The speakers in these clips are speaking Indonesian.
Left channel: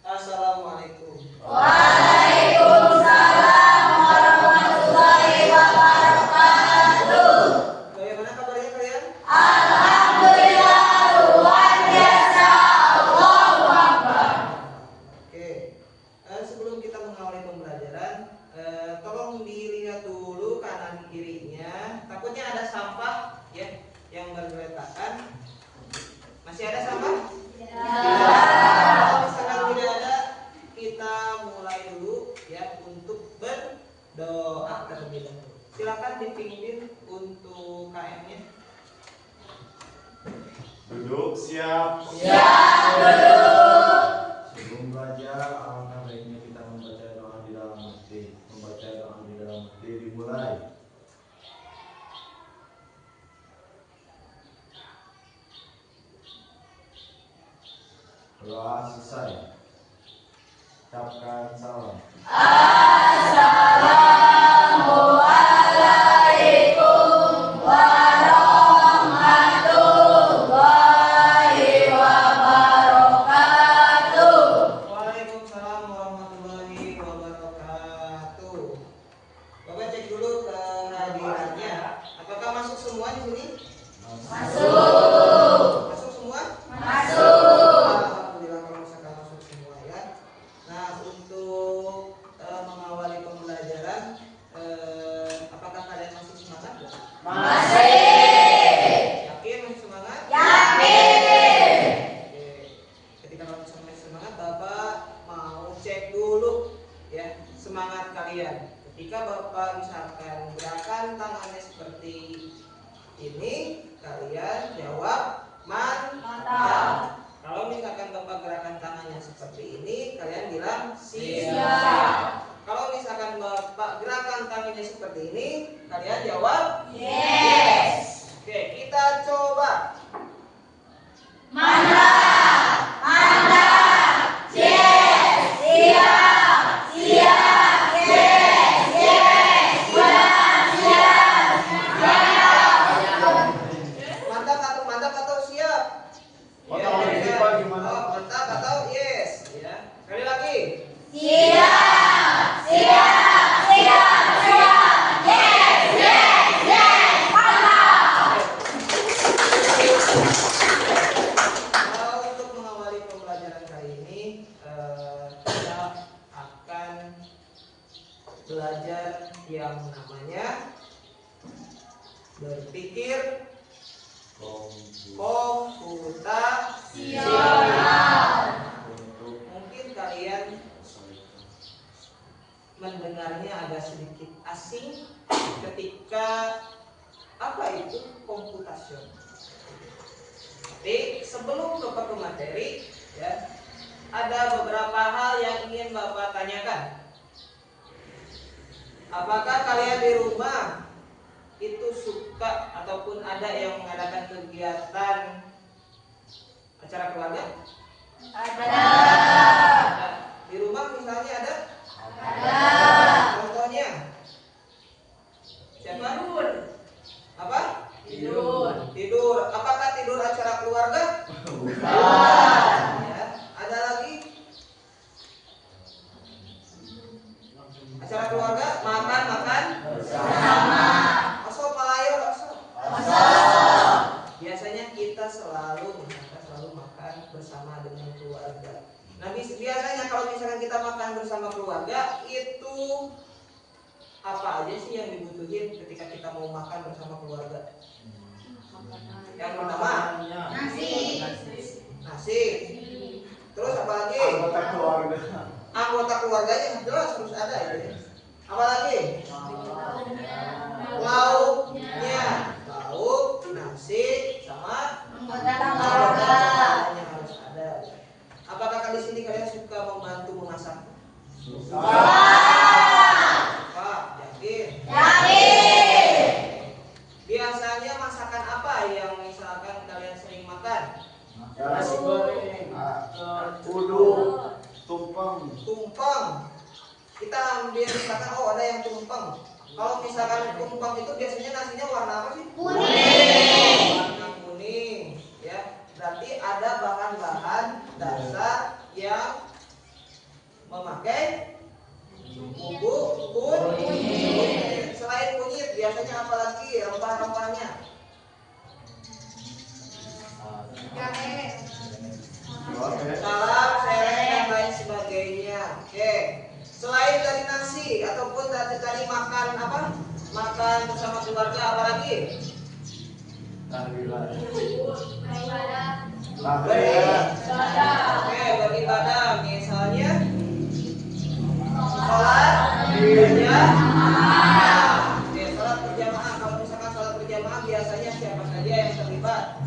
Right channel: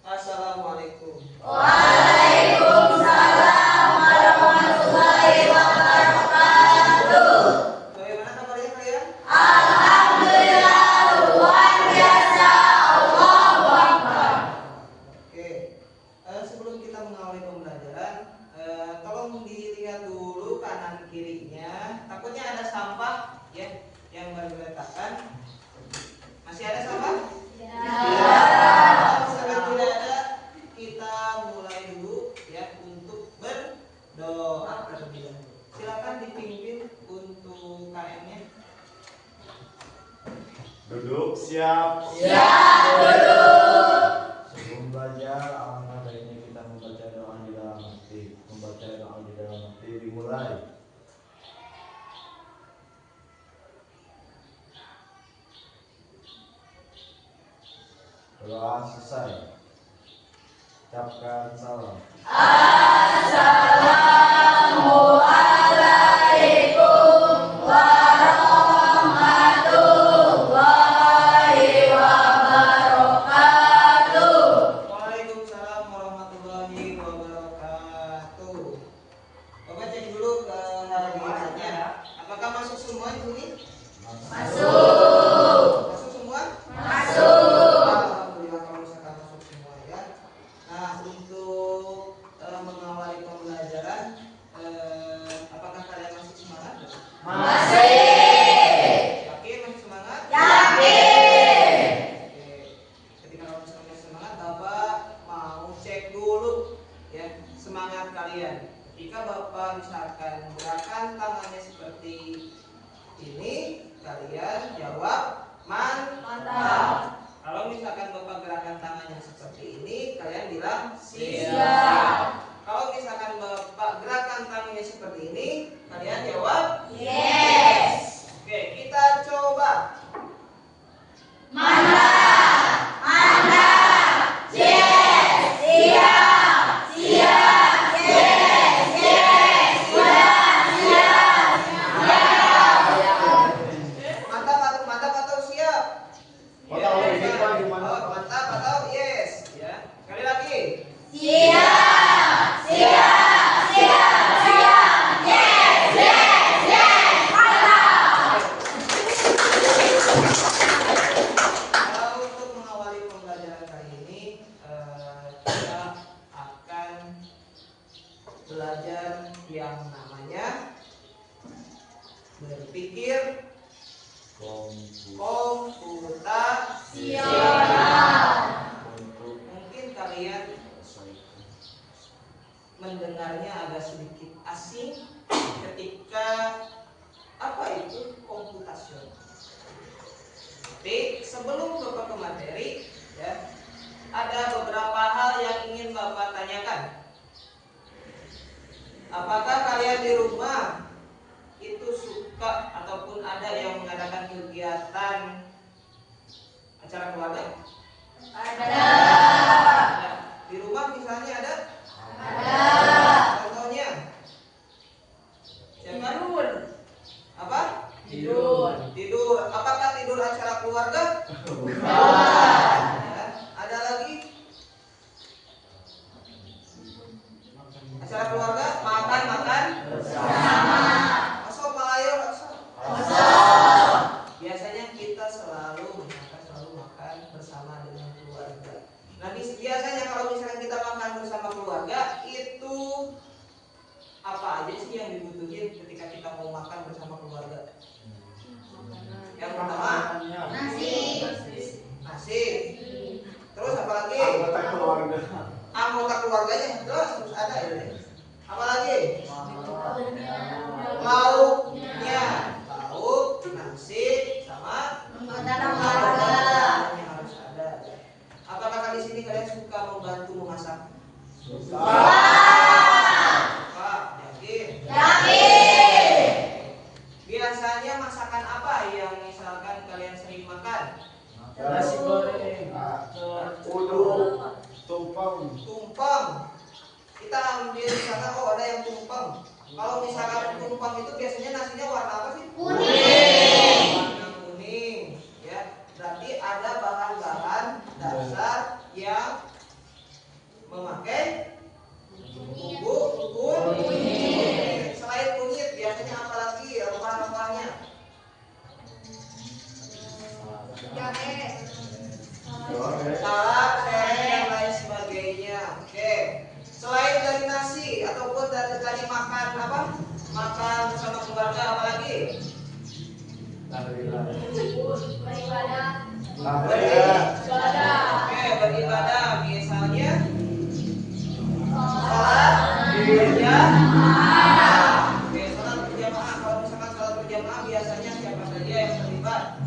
Assalamualaikum. Waalaikumsalam warahmatullahi wabarakatuh. Bagaimana kabarnya kalian? Alhamdulillah luar biasa. Allahu Akbar. Oke. Sebelum kita mengawali pembelajaran, tolong dilihat dulu kanan kirinya. Takutnya ada sampah ya yang berletakkan. Masih ada sampah? Kalau misalkan tidak ada, kita mulai dulu ya untuk berdoa terlebih dahulu. Silakan dipimpin untuk KM-nya. Duduk, siap. Siap duduk. Sebelum belajar, alangkah baiknya kita membaca doa di dalam hati. Membaca doa di dalam hati dimulai. Doa selesai. Ucapkan salam. Assalamualaikum warahmatullahi wabarakatuh. Waalaikumsalam warahmatullahi wabarakatuh. Bapak cek dulu kehadirannya. Apakah masuk semua di sini? Masuk. Masuk semua? Masuk. Alhamdulillah kalau misalkan masuk semua ya. Nah, untuk mengawali pembelajaran, apakah kalian masih semangat? Masih. Yakin masih semangat? Yakin. Oke. Ketika kalian masih semangat, Bapak mau cek dulu ya semangat kalian. Ketika Bapak misalkan gerakan tangannya seperti ini, kalian jawab mantap. Kalau misalkan Bapak gerakan tangannya seperti ini, kalian bilang siap. Kalau misalkan Bapak gerakan tangannya seperti ini, kalian jawab Yes. oke, kita coba. Mantap. Mantap. Yes. Siap. Siap. Yes. Yes. Siap. Siap. Mantap atau siap? Ya, mantap atau yes ya. Sekali lagi. Siap. Siap. Siap. Siap. Yes. Yes. Yes. Mantap. Untuk mengawali pembelajaran kali ini, kita akan belajar yang namanya berpikir komputasional. Mungkin kalian mendengarnya agak sedikit asing ketika apa itu komputasional. Tapi sebelum Bapak ke materi ya, ada beberapa hal yang ingin Bapak tanyakan. Apakah kalian di rumah itu suka ataupun ada yang mengadakan kegiatan acara keluarga? Ada. Di rumah misalnya ada? Ada. Contohnya? Siapa? Tidur. Apa? Tidur. Tidur. Apakah tidur acara keluarga? Ya. Ada lagi? Acara keluarga makan Bersama. asal palayo asal. Kosong. Biasanya kita selalu makan bersama dengan keluarga. Nah, biasanya kalau misalkan kita makan bersama keluarga itu apa aja sih yang dibutuhin ketika kita mau makan bersama keluarga? Yang pertama Nasi. nasi. Terus apa lagi? Anggota keluarga. Anggota keluarganya jelas harus ada ya. Apa lagi? Lauknya. Lauk, nasi, sama Anggota keluarga. keluarganya harus ada. Apakah di sini kalian suka membantu memasak? Pak, yakin? Yakin. Biasanya masakan apa yang misalkan kalian sering makan? Nasi goreng. Uduk. Tumpeng. Tumpeng. Kita ambil misalkan ada yang tumpeng. Kalau misalkan tumpeng itu biasanya nasinya warna apa sih? Kuning. Warna kuning, ya. berarti ada bahan-bahan dasar yang memakai bubuk kunyit. Selain kunyit biasanya apa lagi rempah-rempahnya? Salak, sereh, dan lain sebagainya. Oke. Selain dari nasi ataupun dari tadi makan apa? Makan bersama keluarga apa lagi? Beribadah. Oke, beribadah. Misalnya sholat berjamaah. Oke, sholat berjamaah. Kalau misalkan sholat berjamaah biasanya siapa saja yang terlibat?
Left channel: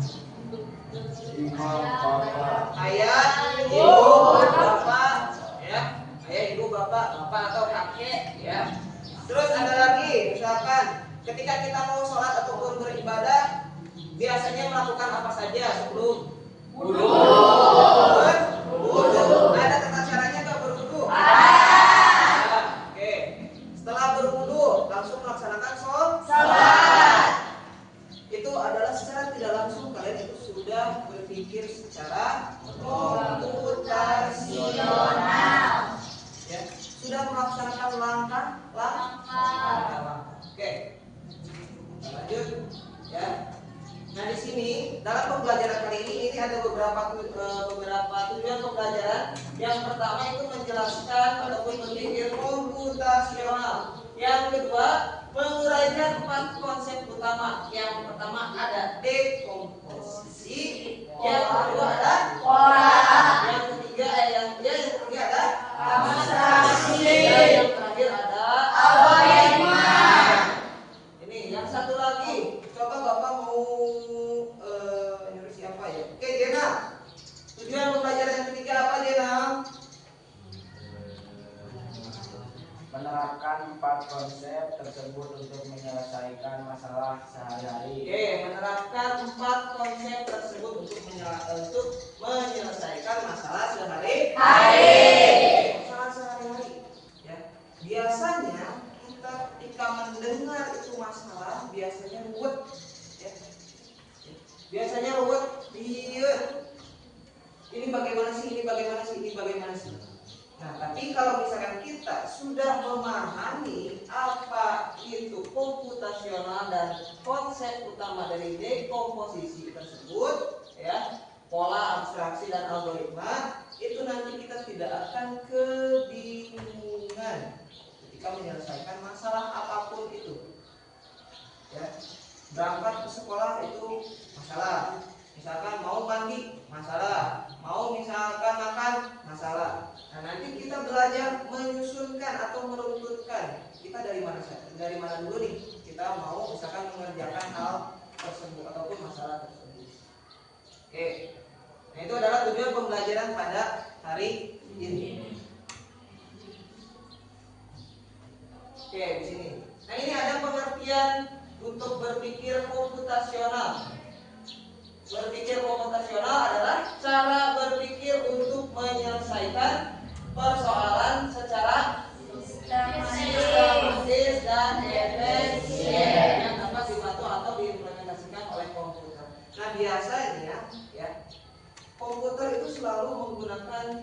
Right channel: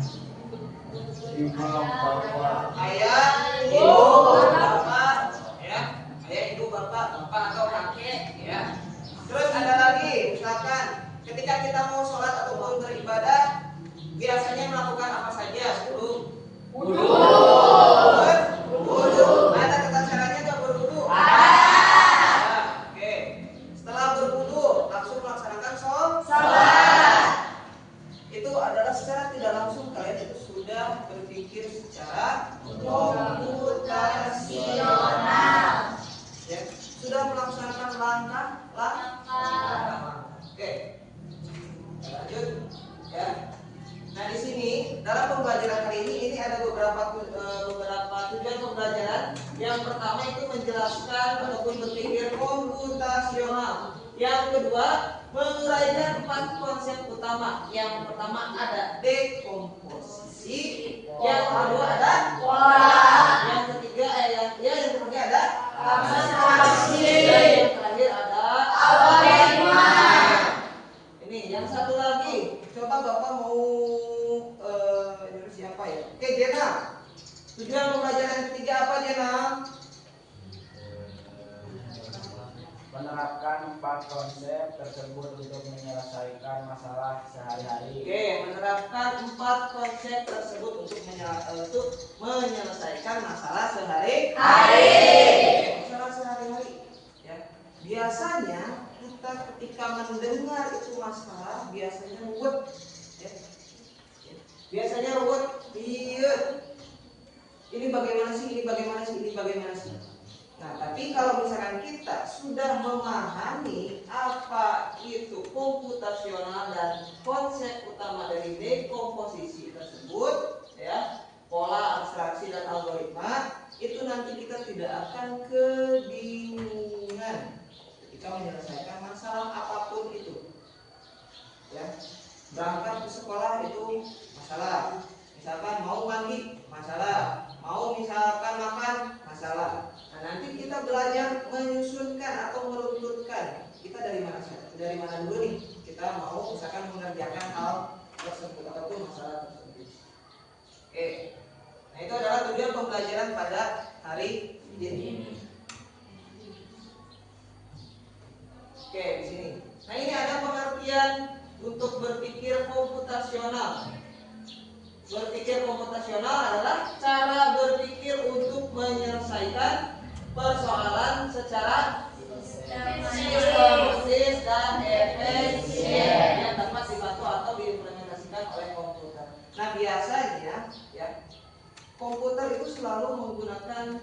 Imam, bapak, Ayah, ibu, bapak, ya. Ayah, ibu, bapak atau kakek, ya. Terus ada lagi, misalkan ketika kita mau sholat ataupun beribadah, biasanya melakukan apa saja sebelum wudu? Ada tata caranya nggak berwudu? Oke. Setelah berwudu, langsung melaksanakan sholat. Itu adalah secara tidak langsung kalian itu sudah berpikir secara komputasional, ya, sudah melaksanakan langkah. Oke, lanjut, ya. Nah di sini dalam pembelajaran kali ini ada beberapa tujuan pembelajaran. Yang pertama itu menjelaskan ataupun berpikir komputasional. Yang kedua menguraikan 4 konsep utama. Yang pertama ada dekomposisi. Yang kedua ada pola. Yang ketiga ada abstraksi. Dan yang terakhir ada algoritma. Ini yang satu lagi. Coba Bapak mau ini siapa ya? Oke, Jena. Tujuan pembelajaran ketiga apa, Jena? Menerapkan 4 konsep tersebut untuk menyelesaikan masalah sehari-hari. Oke, menerapkan 4 konsep tersebut untuk menyelesaikan masalah sehari-hari. Masalah sehari-hari. Ya. Biasanya kita ketika mendengar itu masalah biasanya ruwet. Ya. Biasanya ruwet. Iya. Ini bagaimana sih? Nah, tapi kalau misalkan kita sudah memahami apa itu komputasional dan konsep utama dari dekomposisi tersebut, ya, pola, abstraksi, dan algoritma, itu nanti kita tidak akan kebingungan ketika menyelesaikan masalah apapun itu. Ya, berangkat ke sekolah itu masalah. Misalkan mau mandi, masalah. Mau misalkan makan, masalah. Nah, nanti kita belajar menyusunkan atau meruntutkan. Kita dari mana dulu nih? Kita mau misalkan mengerjakan hal tersebut ataupun masalah tersebut. Oke. Nah, itu adalah tujuan pembelajaran pada hari ini. Oke, di sini. Nah, ini ada pengertian untuk berpikir komputasional. Berpikir komputasional adalah cara berpikir untuk menyelesaikan persoalan secara sistematis dan efisien yang dapat dibantu atau diimplementasikan oleh komputer. Nah, biasanya ya komputer itu selalu menggunakan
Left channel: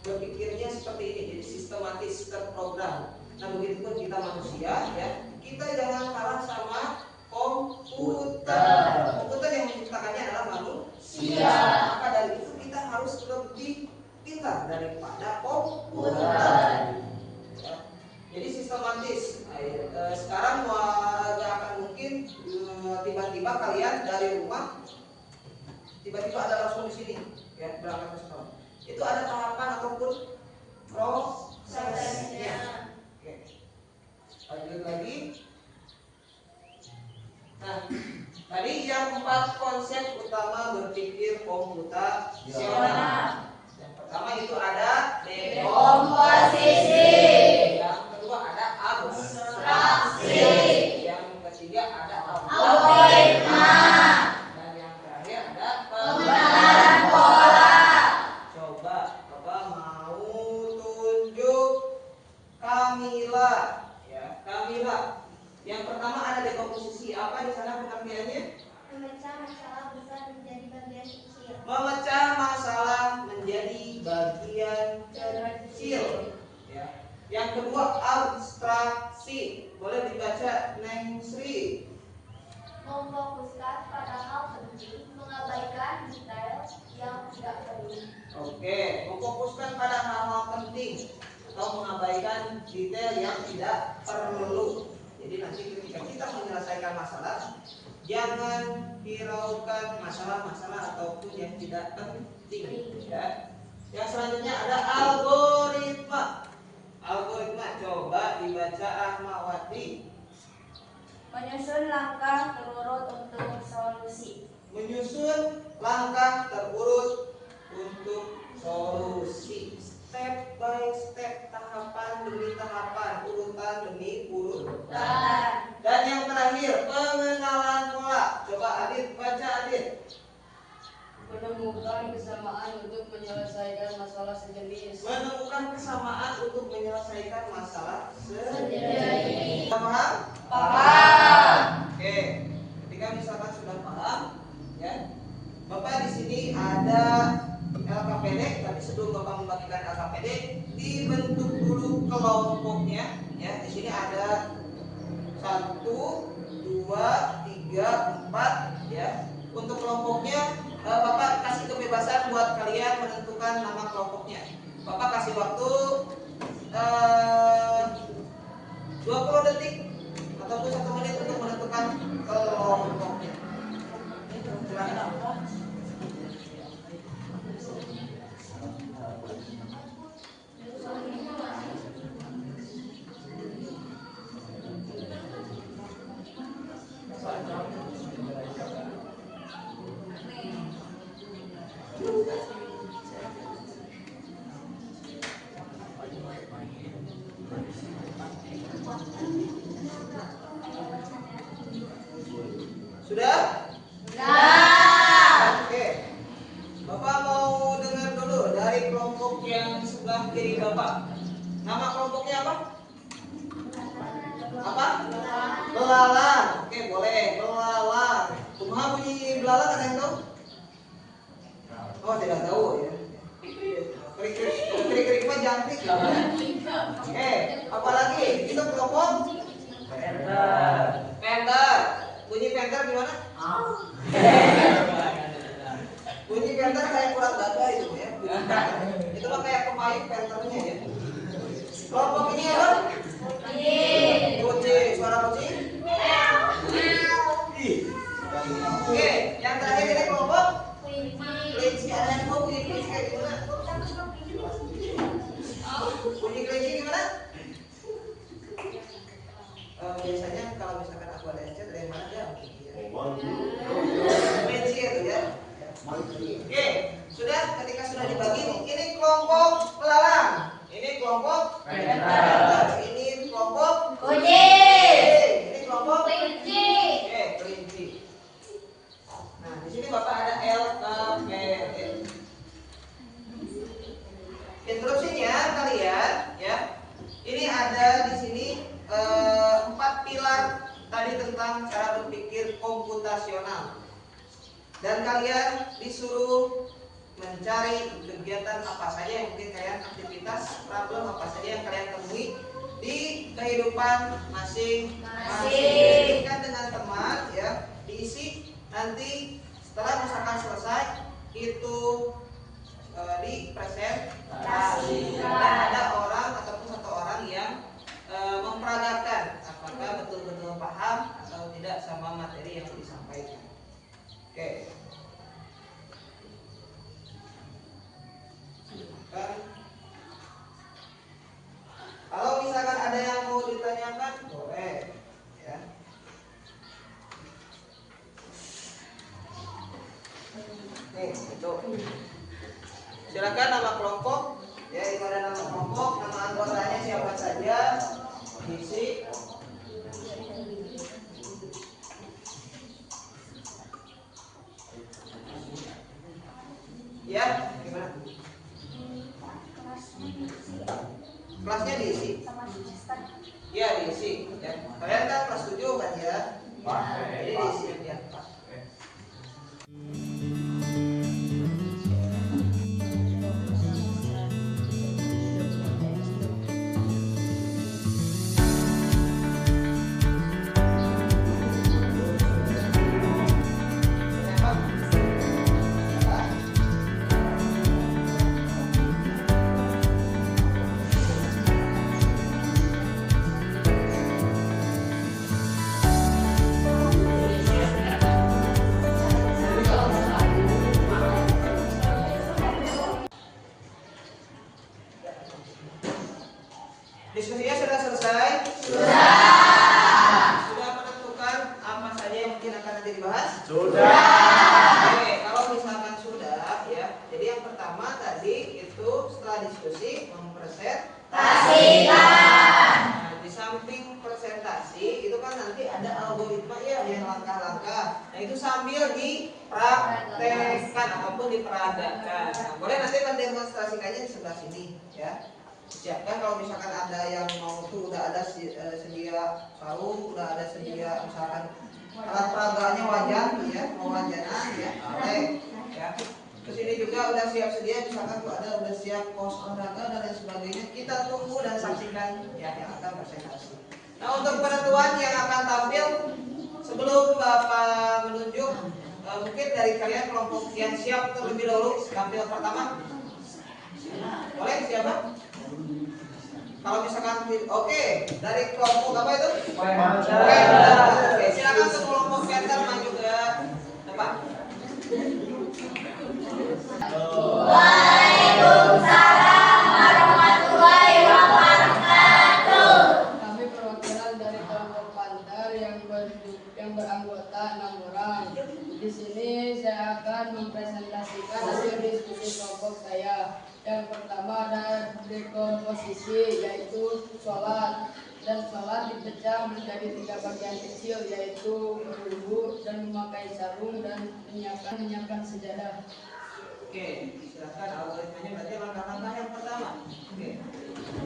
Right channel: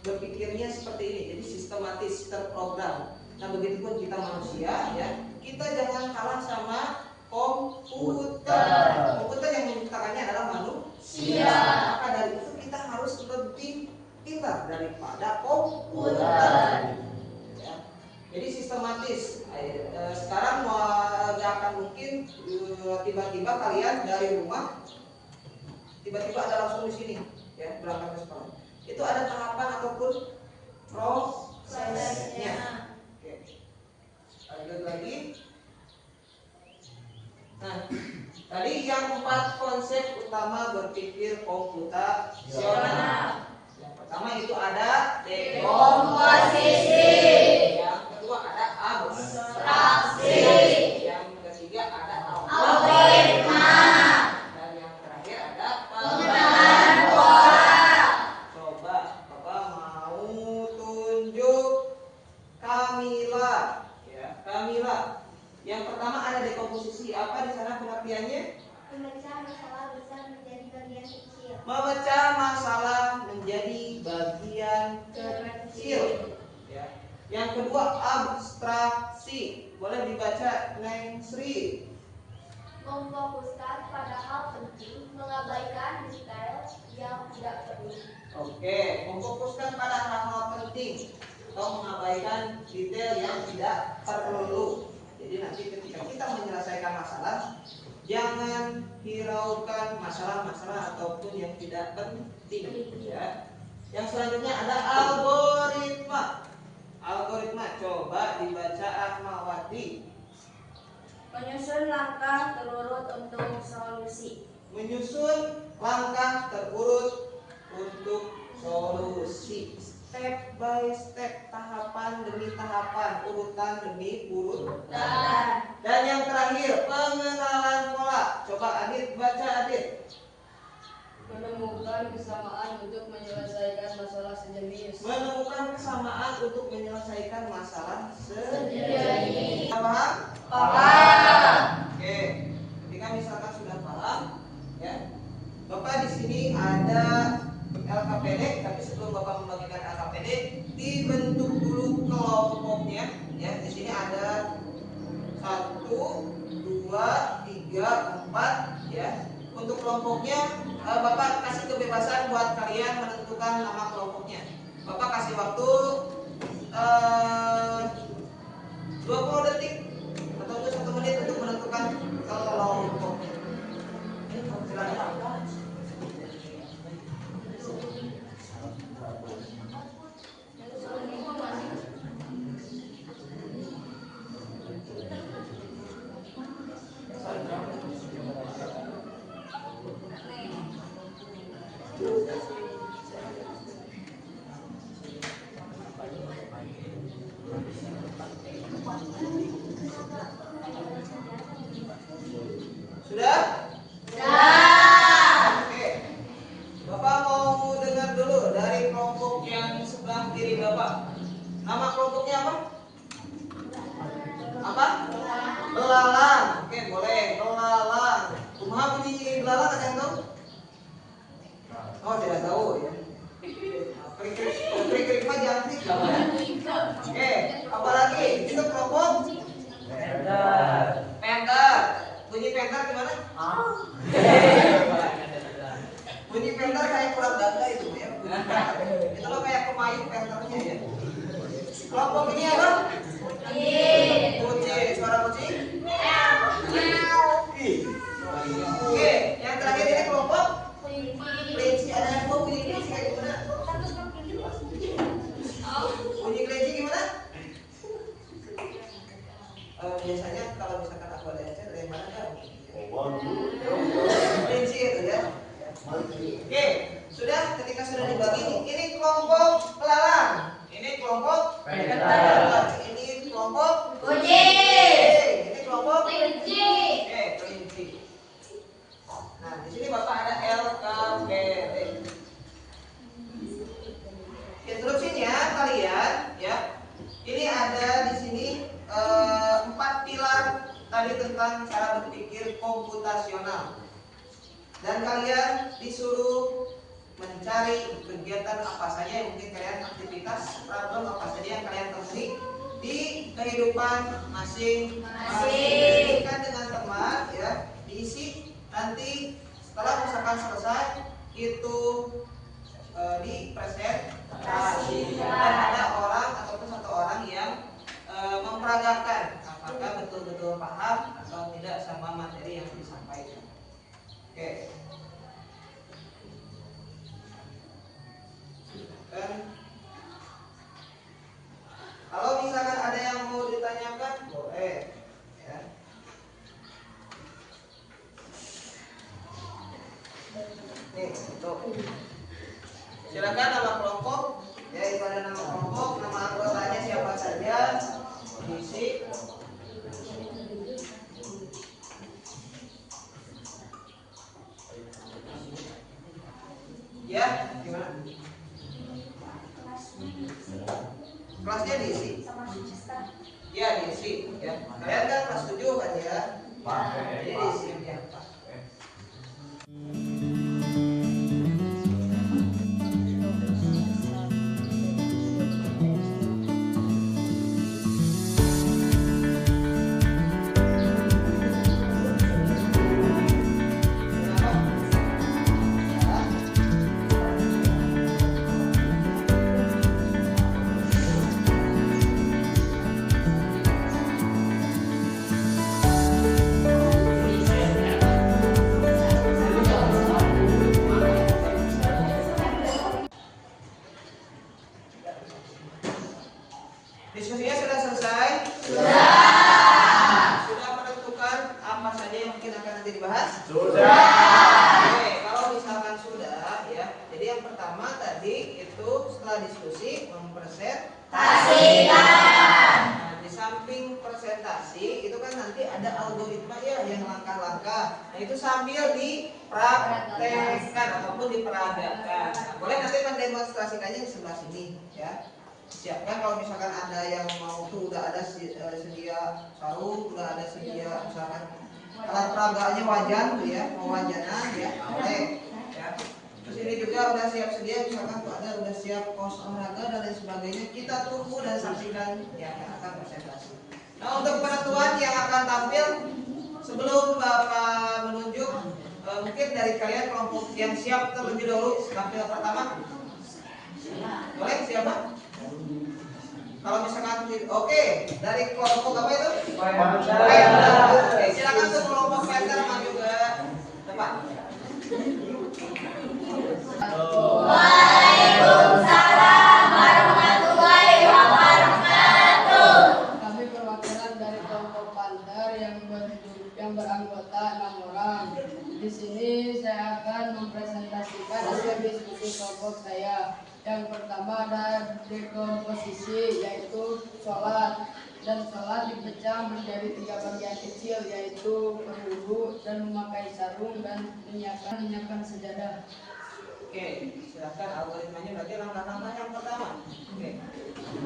berpikirnya seperti ini, jadi sistematis, terprogram. Nah, begitupun kita manusia, ya, kita jangan kalah sama komputer. Komputer yang menciptakannya adalah manusia. Maka dari itu kita harus lebih pintar daripada komputer. Ya. Jadi sistematis. Sekarang gak akan mungkin tiba-tiba kalian dari rumah tiba-tiba ada langsung di sini, ya, berangkat ke sekolah. Itu ada tahapan ataupun prosesnya. Oke. Lanjut lagi. Nah, tadi yang 4 konsep utama berpikir komputasional. Yang pertama itu ada dekomposisi. Yang kedua ada abstraksi. Yang ketiga ada algoritma. Dan yang terakhir ada pengenalan pola. Coba Bapak mau tunjuk Kamila, ya, Kamila. Yang pertama ada dekomposisi. Apa di sana pengertiannya? Memecah masalah besar menjadi kedua abstraksi. Boleh dibaca Neng Sri. Memfokuskan pada hal penting, mengabaikan detail yang tidak perlu. Oke, memfokuskan pada hal-hal penting atau mengabaikan detail yang tidak perlu. Jadi nanti ketika kita menyelesaikan masalah, jangan hiraukan masalah-masalah ataupun yang tidak penting. Ya. Yang selanjutnya ada algoritma. Algoritma, coba dibaca Rahmawati. Menyusun langkah terurut untuk solusi. Menyusun langkah terurut untuk solusi. Step by step, tahapan demi tahapan, urutan demi urutan. Dan yang terakhir, pengenalan pola. Coba Adit baca, Adit. Menemukan kesamaan untuk menyelesaikan masalah sejenis. Menemukan kesamaan untuk menyelesaikan masalah Sejenis. Paham? Paham. Oke. Ketika misalkan sudah paham, ya. Bapak di sini ada LKPD, tapi sebelum Bapak membagikan LKPD, dibentuk dulu kelompoknya. Ya, di sini ada 1, 2, 3, 4. Ya, untuk kelompoknya Bapak kasih kebebasan buat kalian menentukan nama kelompoknya. Bapak kasih waktu 20 detik ataupun 1 menit untuk menentukan kelompoknya. Silakan. Sudah? Oke. Bapak mau dengar dulu dari kelompok yang sebelah kiri Bapak. Nama kelompoknya apa? Apa? Belalang. Oke, boleh. Belalang. Kumaha bunyi belalang, ada yang tahu? Oh, tidak tahu ya. Krik-krik mah jangkrik. Oke, apa lagi? Itu kelompok penter. Bunyi penter gimana? Bunyi penter kayak kurang dada itu ya. Itu loh kayak pemain penternya ya. Kelompok ini apa? Kucing. Suara kucing? Oke, yang terakhir ini kelompok kelinci. Ada yang tahu bunyi kelinci kayak gimana? Bunyi kelinci gimana? Biasanya kalau misalkan aku ada yang dari mana ya? Kelinci itu ya. Oke, sudah. Ketika sudah dibagi nih, ini kelompok belalang, ini kelompok penter, ini kelompok Kucing. ini kelompok Kelinci. kelinci. Nah, di sini Bapak ada LKPD. Instruksinya kalian ya. Ini ada di sini 4 pilar tadi tentang cara berpikir komputasional. Dan kalian disuruh mencari kegiatan apa saja yang mungkin kalian aktivitas, problem apa saja yang kalian temui di kehidupan masing-masing. Kan dengan teman ya, diisi nanti setelah misalkan selesai itu dipresentasikan dan ada orang ataupun 1 orang yang memperagakan apakah betul-betul paham atau tidak sama materi yang disampaikan. Oke. Kalau misalkan ada yang mau ditanyakan, boleh ya. Nih, itu. Silakan nama kelompok, ya itu ada nama kelompok, nama anggotanya siapa saja, isi. Ya, gimana? Kelasnya diisi. Ya, diisi. Ya, kalian kan kelas 7 kan ya? Jadi diisi ya. Nah, di samping presentasi itu kan nanti ada algoritma ya yang langkah-langkah. Nah, itu sambil dipraktekkan ataupun diperagakan. Nah, boleh nanti mendemonstrasikannya di sebelah sini ya. Siapkan kalau misalkan ada yang mau tuh udah ada sedia sarung, udah ada sedia misalkan alat peragaannya wajan tuh ya, mau wajanan ya, boleh ya. Terus ini juga udah siap sedia misalkan tuh ada udah siap kaos olahraga dan lain sebagainya. Kita tunggu dan saksikan ya yang akan presentasi. Nah, untuk penentuan yang akan tampil sebelum Bapak menunjuk mungkin dari kalian kelompok yang siap terlebih dahulu tampil pertama. Boleh siapa? Kalau misalkan oke, dari kelompok apa itu? Oke, silakan ke kelompok center maju ke depan. Waalaikumsalam warahmatullahi wabarakatuh. Kami perwakilan dari kelompok Panther yang beranggota 6 orang. Di sini saya akan mempresentasikan hasil diskusi kelompok saya. Yang pertama ada dekomposisi, yaitu sholat. Dan sholat dipecah menjadi 3 bagian kecil, yaitu berwudu dan memakai sarung dan menyiapkan sejadah. Oke, silakan algoritmanya berarti langkah-langkah yang pertama. Oke.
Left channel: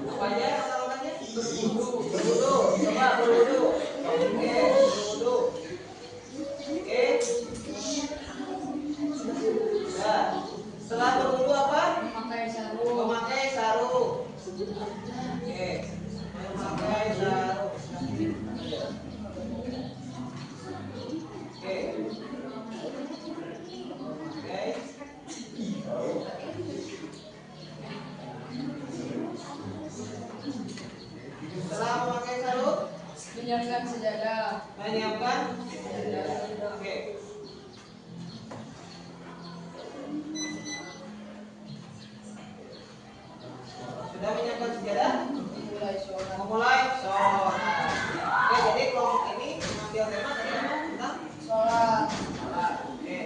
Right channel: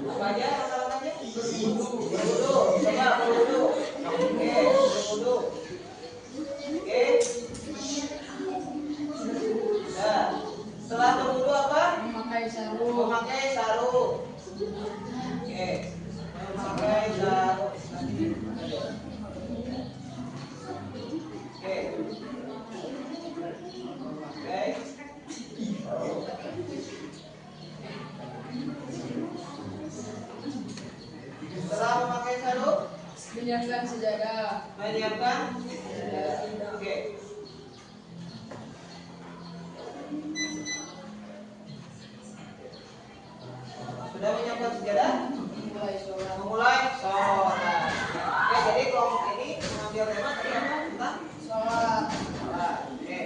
Apa aja langkah-langkahnya? Berwudu. Coba berwudu. Oke, berwudu. Oke. Nah, setelah berwudu apa? Memakai sarung. Memakai sarung. Oke. Memakai sarung. Oke. Memakai. Setelah memakai sarung, Menyiapkan sejadah. menyiapkan. Oke. Sudah menyiapkan sejadah? Memulai sholat. Memulai sholat. Oke, jadi kelompok ini mengambil tema tadi apa? Tentang Sholat. sholat. Oke.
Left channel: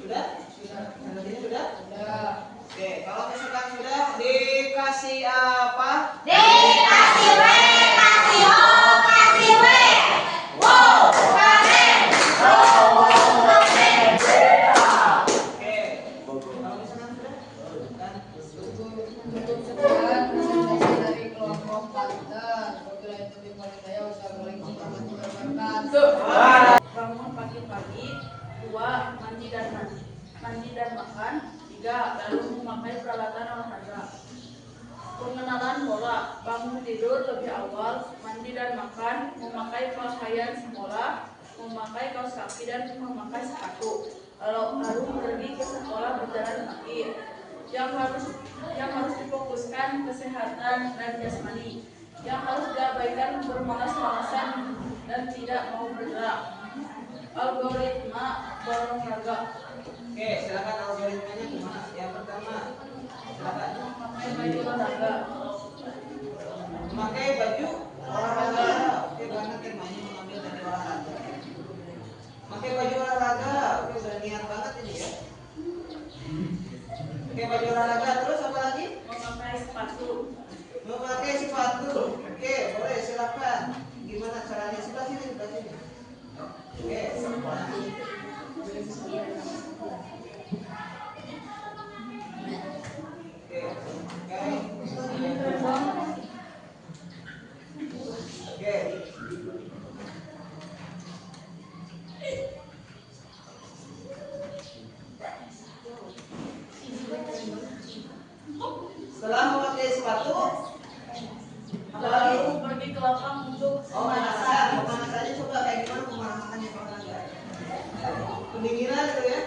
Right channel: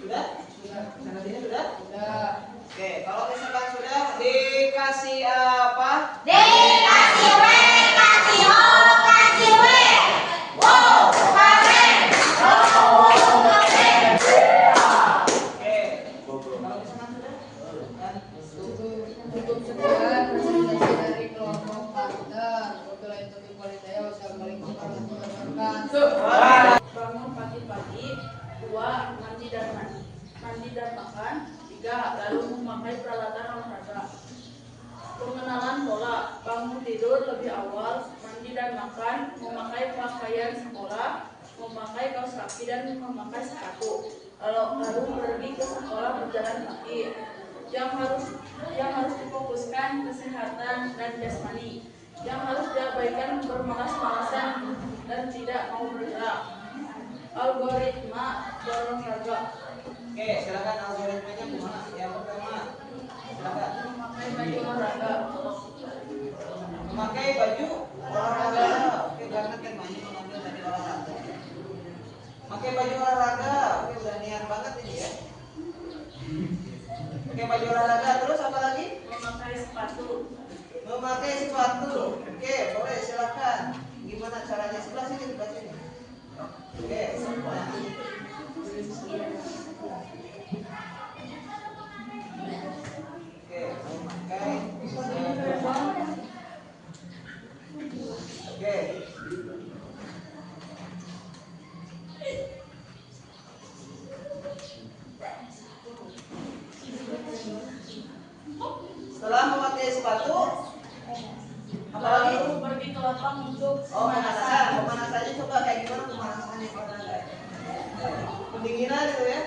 Sudah? Presentasinya sudah? Sudah. Oke, kalau misalkan sudah dikasih apa? Dikasih W, kasih O, kasih W. Wow, keren. Oke. Kalau misalkan sudah? Dan Tutup sekian presentasi dari kelompok Panther. Wabillahi taufiq wal hidayah. Wassalamualaikum warahmatullahi wabarakatuh. Bangun pagi-pagi, 2. Mandi dan makan, 3. Lalu memakai peralatan olahraga. Pengenalan bola, bangun tidur lebih awal, mandi dan makan, memakai pakaian sekolah, memakai kaos kaki dan memakai sepatu. Lalu pergi ke sekolah berjalan kaki. Yang harus difokuskan kesehatan dan jasmani. Yang harus diabaikan bermalas-malasan dan tidak mau bergerak. Algoritma berolahraga. oke, silakan algoritmanya gimana? Yang pertama, silakan. Memakai baju olahraga. Memakai baju olahraga. Oke, banget temanya mengambil dari olahraga. Pakai baju olahraga. Oke, udah niat banget ini ya. Pakai baju olahraga, terus apa lagi? Memakai sepatu. Memakai sepatu. Oke, boleh silakan. Gimana caranya? Sebelah sini, sebelah sini. Oke, nah. Oke, memakai sepatu. Oke. Setelah memakai sepatu, apa lagi? Lalu pergi ke lapang untuk Pemanasan. Pemanasannya coba kayak gimana pemanasannya kalau enggak? Pendinginan itu ya.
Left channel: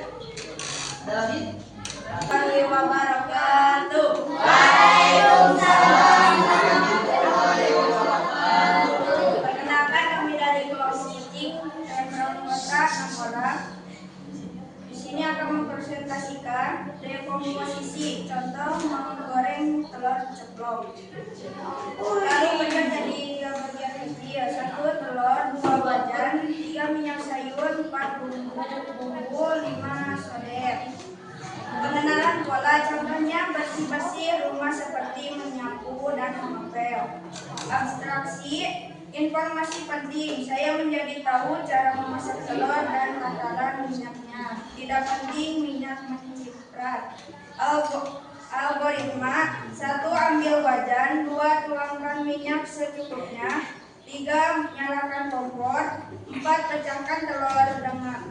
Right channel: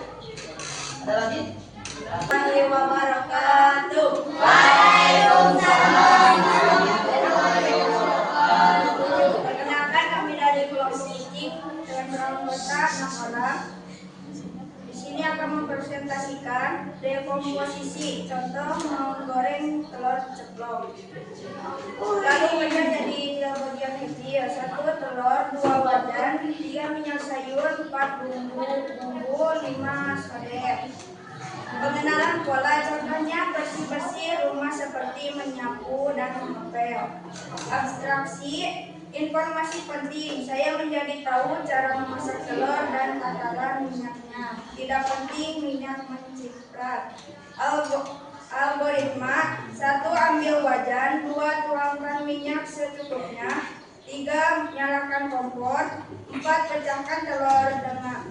Ada lagi? Warahmatullahi wabarakatuh. Waalaikumsalam. Perkenalkan kami dari kelompok Icing dengan beranggota 6 orang. Di sini akan mempresentasikan dekomposisi, contoh menggoreng telur ceplok. Lalu pecah jadi 3 bagian kecil, 1 telur, 2 wajan, 3 minyak sayur, 4 bumbu, 5 sodet. Pengenalan bola, contohnya bersih-bersih rumah seperti menyapu dan mengepel. Abstraksi, informasi penting, saya menjadi tahu cara memasak telur dan takaran minyaknya. Tidak penting minyak menciprat. Algoritma, 1. Ambil wajan, 2. Tuangkan minyak secukupnya, 3. Nyalakan kompor, 4. Pecahkan telur dengan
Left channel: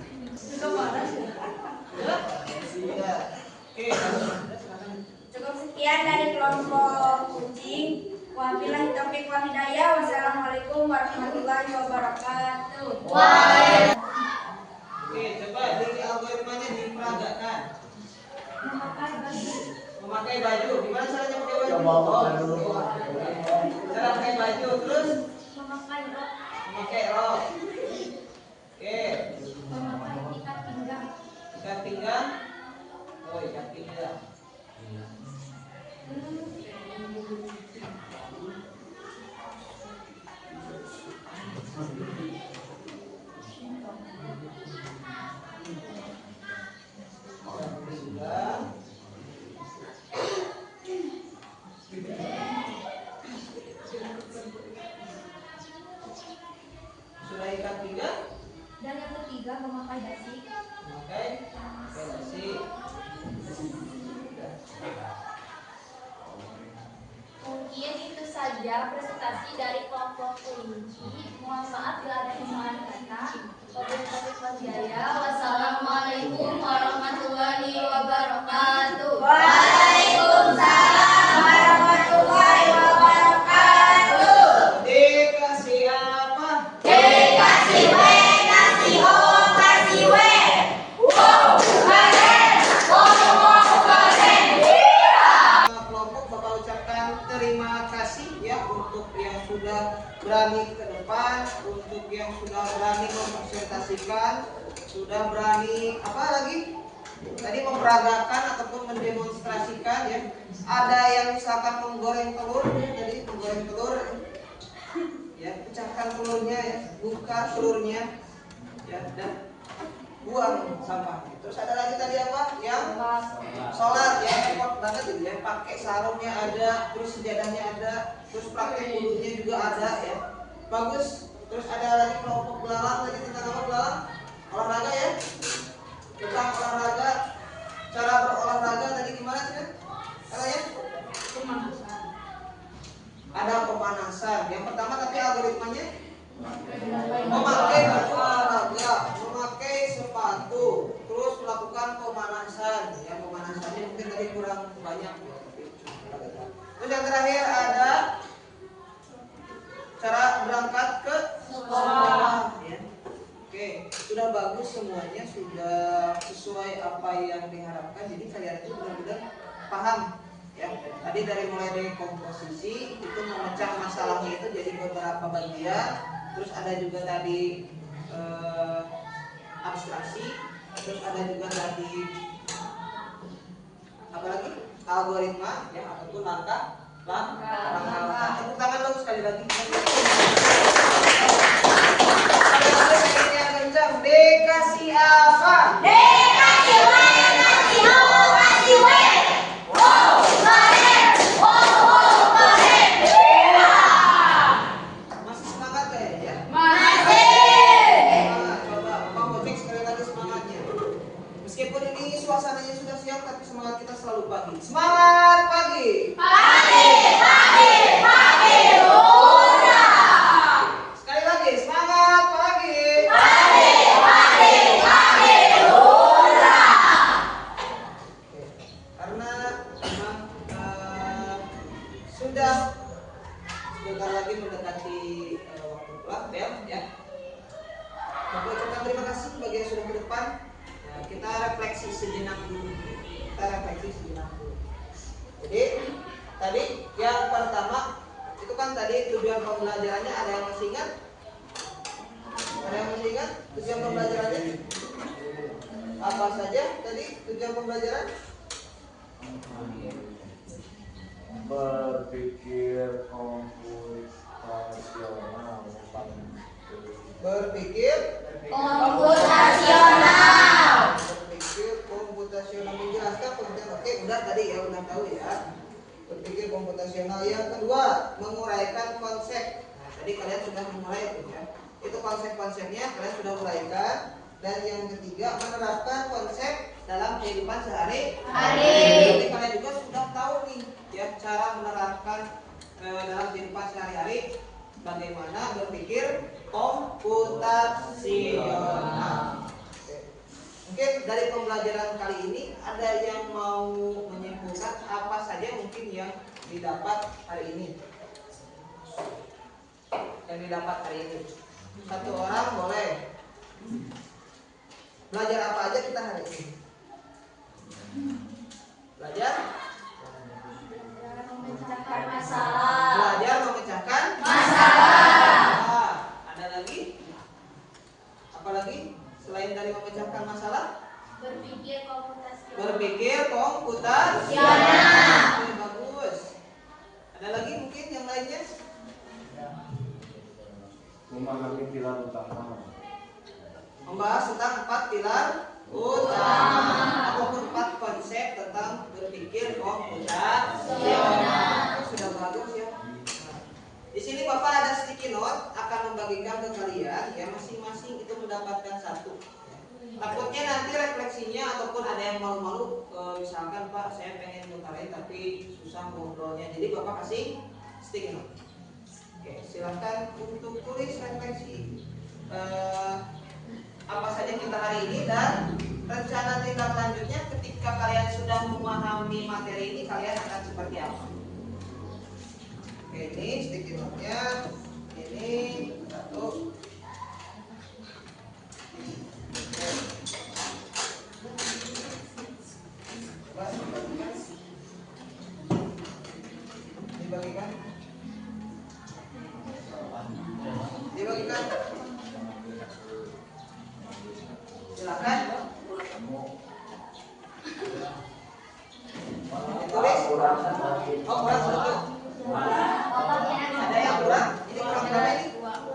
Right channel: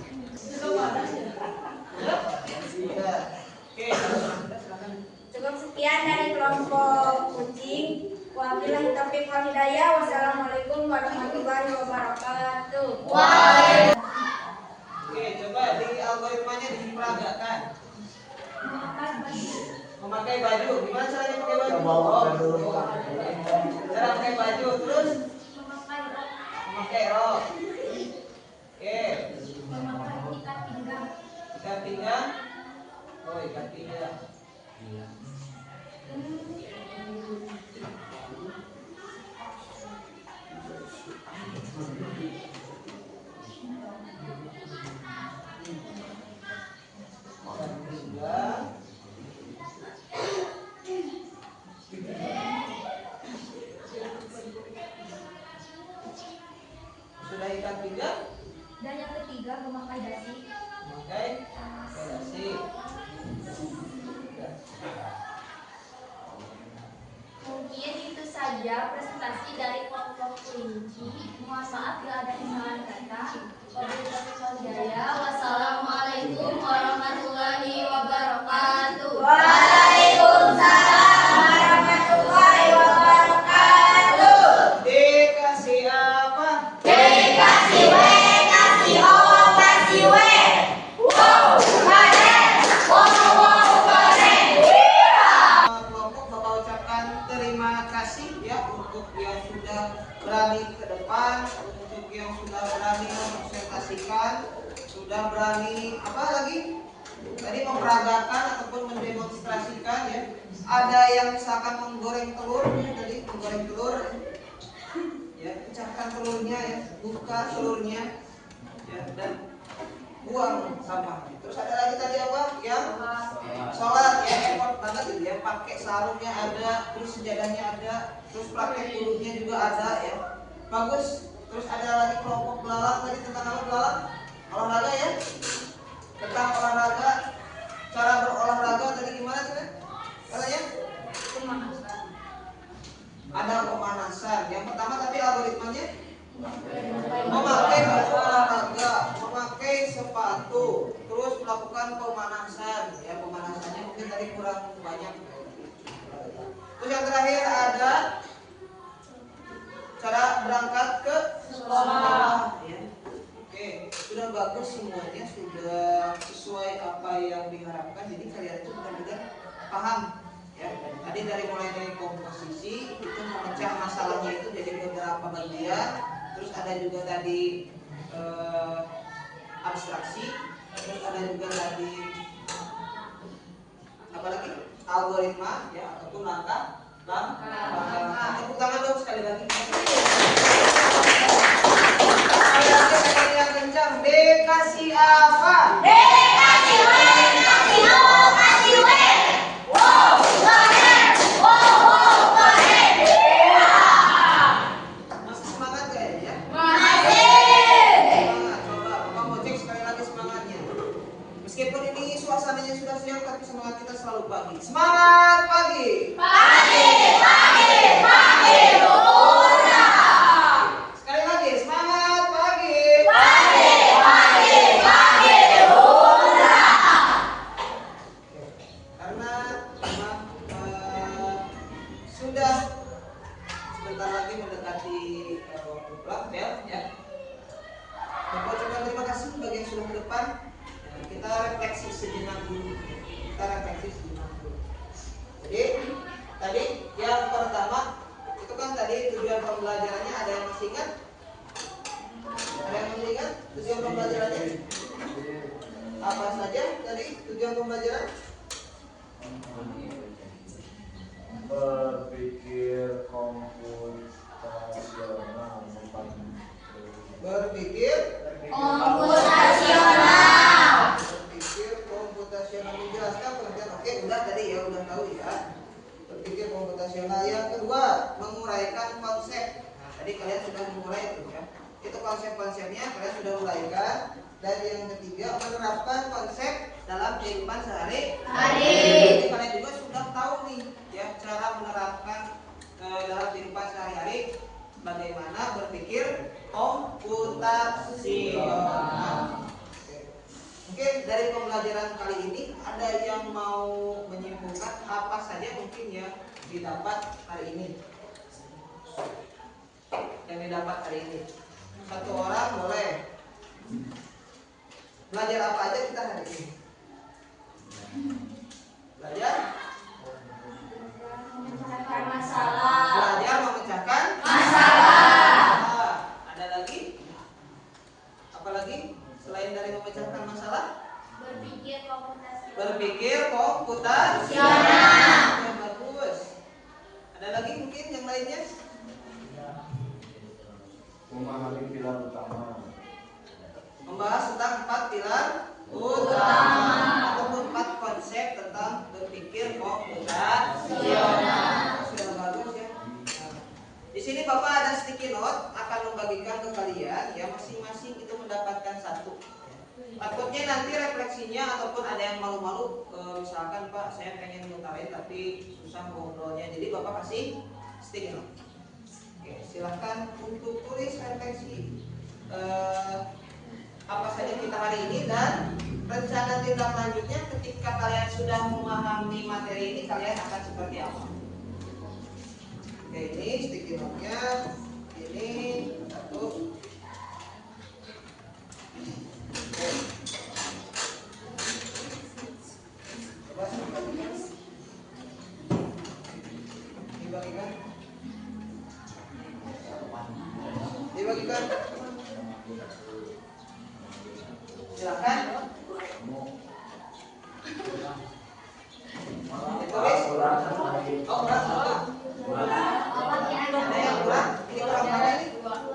Oke, sudah silakan. Cukup sekian dari kelompok kucing. Wabillahi taufiq wal hidayah. Wassalamualaikum warahmatullahi wabarakatuh. Oke, coba di algoritmanya diperagakan. Memakai baju. Gimana caranya pakai baju? Cara pakai baju, terus memakai rok. Oke. Ikat pinggang. Oh, ikat pinggang. Sudah ikat pinggang? Dan yang ketiga memakai dasi. Memakai dasi. Mungkin itu saja presentasi dari kelompok kelinci. Mohon maaf bila ada kesalahan kata. Wassalamualaikum warahmatullahi wabarakatuh. Waalaikumsalam warahmatullahi wabarakatuh. Dikasih apa? Kasih W, kasih O, kasih W. Wow, keren. Wow, keren. Kelompok Bapak ucapkan terima kasih ya untuk yang sudah berani ke depan, untuk yang sudah berani mempresentasikan, sudah berani apa lagi? Tadi memperagakan ataupun mendemonstrasikan ya. Ada yang misalkan menggoreng telur ya, tadi menggoreng telur ya, pecahkan telurnya ya, buka telurnya ya, dan buang sampahnya. Terus ada lagi tadi apa? Yang sholat ya, effort banget gitu ya, pakai sarungnya ada, terus sejadahnya ada, terus pakai wudhunya juga ada ya, bagus. Terus ada lagi kelompok belalang tadi tentang apa? Belalang olahraga ya, tentang olahraga, cara berolahraga tadi gimana sih katanya? Ada pemanasan. Yang pertama tapi algoritmanya memakai baju olahraga, memakai sepatu, terus melakukan pemanasan. Ya, pemanasannya mungkin tadi kurang banyak. Terus yang terakhir ada cara berangkat ke sekolah. Ya. Oke, sudah bagus semuanya, sudah sesuai apa yang diharapkan. Jadi kalian itu benar-benar paham. Ya, tadi dari mulai dari komposisi itu memecah masalahnya itu jadi beberapa bagian. Terus ada juga tadi abstraksi, terus ada juga tadi apa lagi? Algoritma ya, ataupun langkah. Tepuk tangan dong sekali lagi. Sekali lagi yang kencang. Dikasih apa? Kasih W, kasih O, kasih W. Wow, keren. Wow, keren. Masih semangat kayaknya? Masih. Semangat. Coba Bapak mau cek sekali lagi semangatnya. Meskipun ini suasananya sudah siang, tapi semangat kita selalu pagi. Semangat pagi. Hurra. Sekali lagi semangat pagi. Hurra. Karena memang sudah sebentar lagi mendekati waktu pulang bel ya. Bapak ucapkan terima kasih bagi yang sudah ke depan. Nah, kita refleksi sejenak dulu. Jadi tadi yang pertama itu kan tadi tujuan pembelajarannya, ada yang masih ingat? Ada yang masih ingat tujuan pembelajarannya? Apa saja tadi tujuan pembelajaran? Berpikir komputasional. Berpikir Komputasional. menjelaskan pengertian. Oke, udah tadi ya, udah tahu ya. Berpikir komputasional. Yang kedua, menguraikan konsep. Nah, tadi kalian sudah mengurai itu ya. Itu konsep-konsepnya kalian sudah uraikan. Dan yang ketiga, menerapkan konsep dalam kehidupan sehari-hari. Jadi kalian juga sudah tahu nih ya cara menerapkan dalam kehidupan sehari-hari bagaimana berpikir komputasional. Mungkin dari pembelajaran kali ini ada yang mau menyimpulkan apa saja mungkin yang didapat hari ini. Yang didapat hari ini. Satu orang boleh. Belajar apa aja kita hari ini? Belajar Memecahkan masalah. Belajar memecahkan masalah. Ada lagi? Apa lagi? Selain dari memecahkan masalah? Berpikir komputasional. Berpikir komputasional. Oke, bagus. Ada lagi mungkin yang lainnya? Memahami pilar utama. Membahas tentang 4 pilar utama ataupun 4 konsep tentang berpikir komputasional. Sudah bagus ya. Nah, di sini Bapak ada sticky note akan membagikan ke kalian ya, masing-masing itu mendapatkan 1. Takutnya nanti refleksinya ataupun ada yang malu-malu, misalkan Pak saya pengen ngutarain tapi susah ngobrolnya, jadi Bapak kasih sticky note. Oke, silahkan untuk tulis refleksi apa saja kita hari ini dan rencana tindak lanjutnya ketika kalian sudah memahami materi ini kalian akan seperti apa. Oke, ini sticky note-nya, ini 1. Oke. Coba dibagikan. Dibagikan. Silakan. Ditulis. Oh, kurang 1. Ada yang kurang? Ini kurang berapa ini? 2. 1,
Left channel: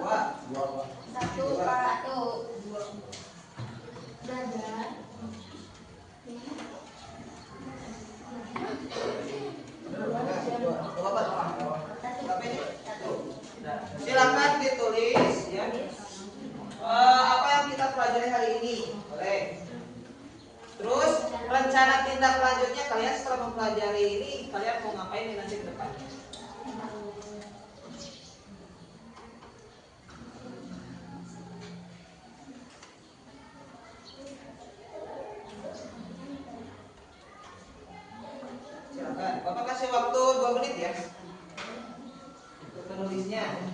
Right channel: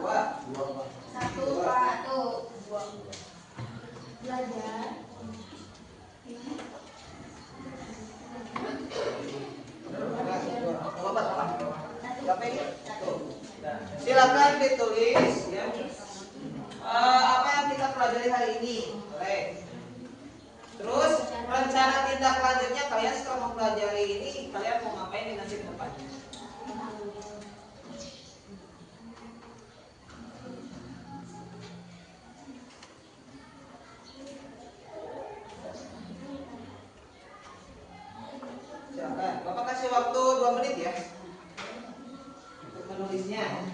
Pak. 2. Belajar. Silakan ditulis ya. Apa yang kita pelajari hari ini? Boleh. Terus rencana tindak lanjutnya kalian setelah mempelajari ini kalian mau ngapain di nanti ke depan? Silakan. Bapak kasih waktu 2 menit ya untuk menulisnya.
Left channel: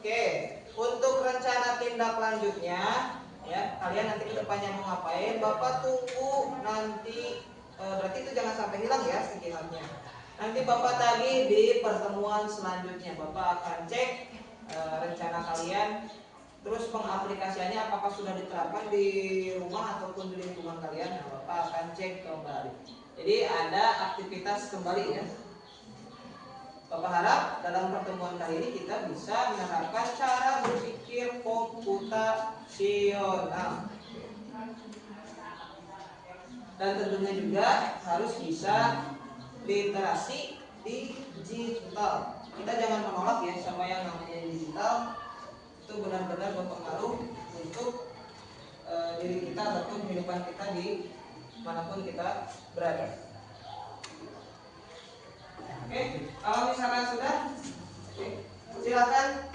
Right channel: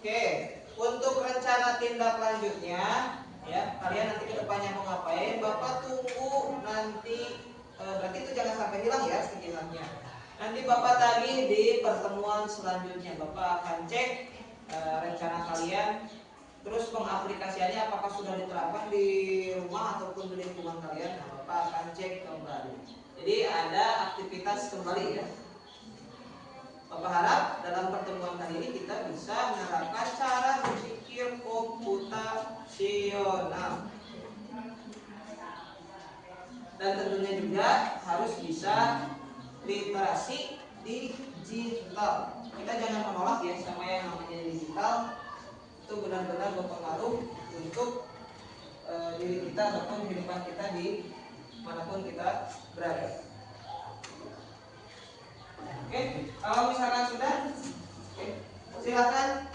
Oke, untuk rencana tindak lanjutnya ya, kalian nanti ke depannya mau ngapain? Bapak tunggu nanti, berarti itu jangan sampai hilang ya sekiranya. Nanti Bapak tadi di pertemuan selanjutnya Bapak akan cek rencana kalian, terus pengaplikasiannya apakah sudah diterapkan di rumah ataupun di lingkungan kalian. Nah, Bapak akan cek kembali. Jadi ada aktivitas kembali ya. Bapak harap dalam pertemuan kali ini kita bisa menerapkan cara berpikir komputasional. Dan tentunya juga harus bisa literasi digital. Kita jangan menolak ya sama yang namanya digital. Itu benar-benar berpengaruh untuk diri kita ataupun kehidupan kita di manapun kita berada. Oke, kalau misalkan sudah, silakan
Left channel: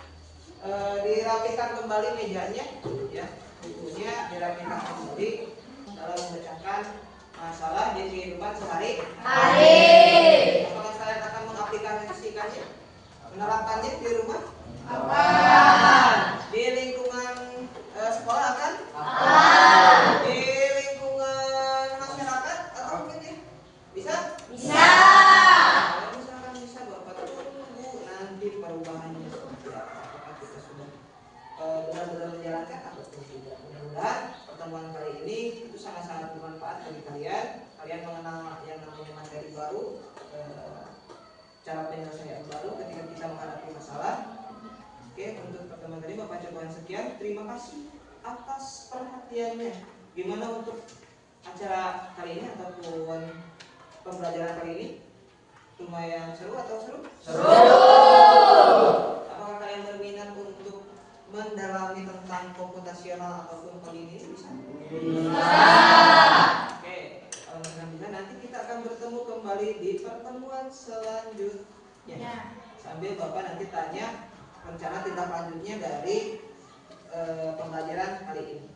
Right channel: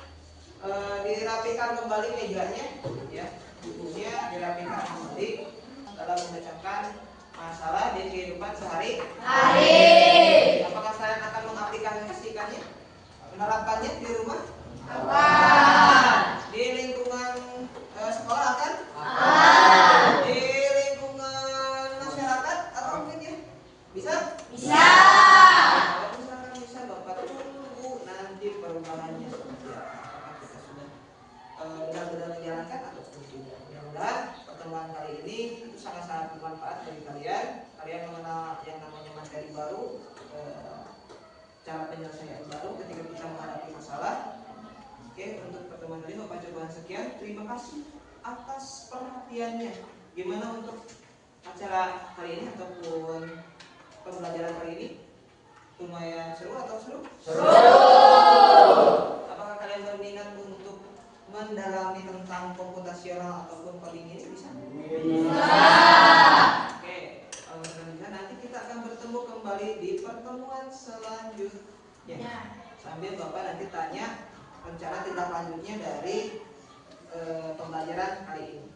dirapikan kembali mejanya, ya, bukunya dirapikan kembali dalam memecahkan masalah di kehidupan sehari-hari. Apakah kalian akan mengaplikasikannya, menerapkannya di rumah? Apa? perubahannya seperti apa. Apakah kita sudah benar-benar menjalankan atau tidak. Mudah-mudahan pertemuan kali ini itu sangat-sangat bermanfaat bagi kalian. Kalian mengenal yang namanya materi baru, cara penyelesaian baru ketika kita menghadapi masalah. Oke, untuk pertemuan kali ini Bapak cobaan sekian. Terima kasih atas perhatiannya. Gimana untuk acara kali ini ataupun pembelajaran kali ini? Lumayan seru atau seru? Seru. Apakah kalian berminat untuk mendalami tentang komputasional ataupun coding ini? Bisa? Bisa. Oke, kalau misalkan bisa, nanti kita akan bertemu kembali di pertemuan selanjutnya. Sambil Bapak nanti tanya rencana tindak lanjutnya dari pembelajaran kali ini.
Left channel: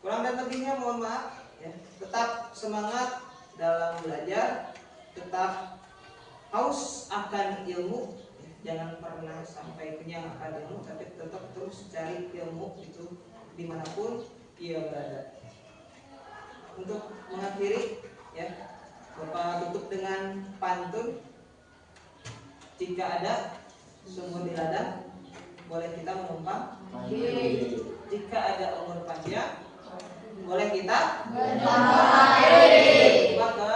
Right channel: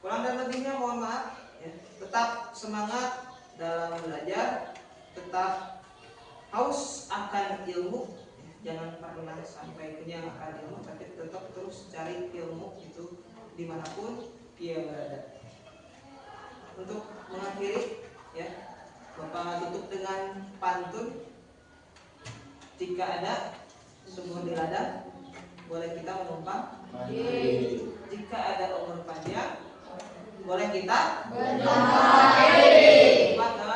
Kurang dan lebihnya mohon maaf ya. Tetap semangat dalam belajar, tetap haus akan ilmu ya. Jangan pernah sampai kenyang akan ilmu, tapi tetap terus cari ilmu itu dimanapun ia berada. Untuk mengakhiri ya, Bapak tutup dengan pantun. Jika ada sumur di ladang, boleh kita menumpang. Jika ada umur panjang, boleh kita bermandi. Maka